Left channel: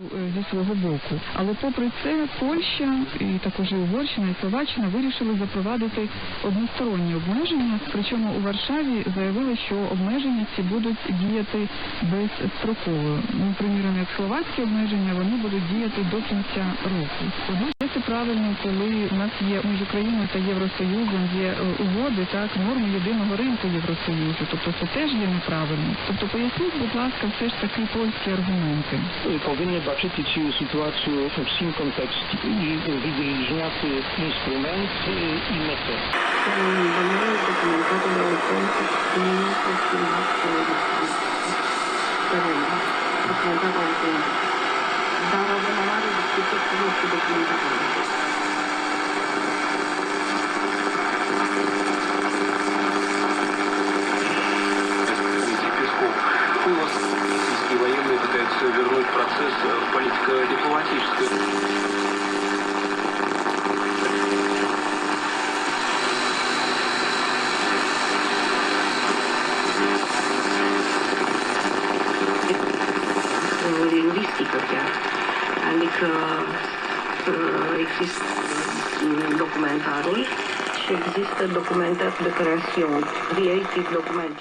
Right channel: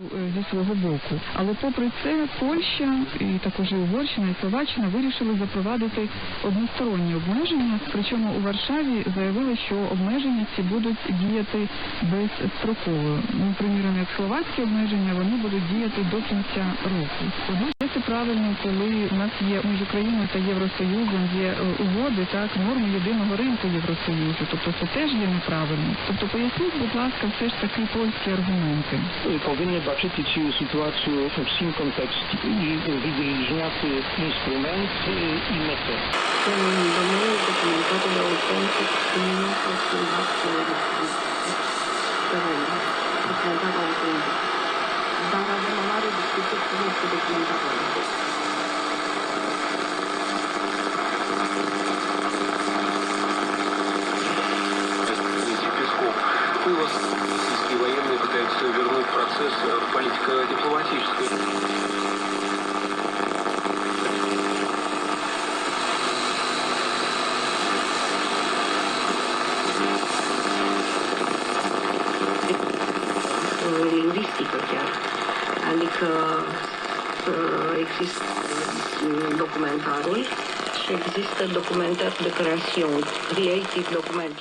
е, зі свого боку. Але попри це Польща і також і Угорщина і Словаччина вирішили запровадити односторонні обмеження. Причому у Варшаві заявили, що обмеження ці будуть діяти безстроково. Ну, приміром, як словацькі обмеження, вони будуть діяти до кінця року. Однак це правильно, коли у нас є між Україною та Євросоюзом є е, угоди, так норми єдиного ринку Євросоюзу. Тобто це теж є неправильно. Тобто поясніть, будь ласка, все ж таки польські аргументи. Powinny Данил документатор конкурс Міністерства Документатор конкурс. Зараз вимагає дискусію про документатор. Дмитрий Песков. У вас российские военные пытаются вернуть процесс э, политико-дипломатической? lingvistică chiar. Adică uh, există documentarul și există documentat de creațion, creative document.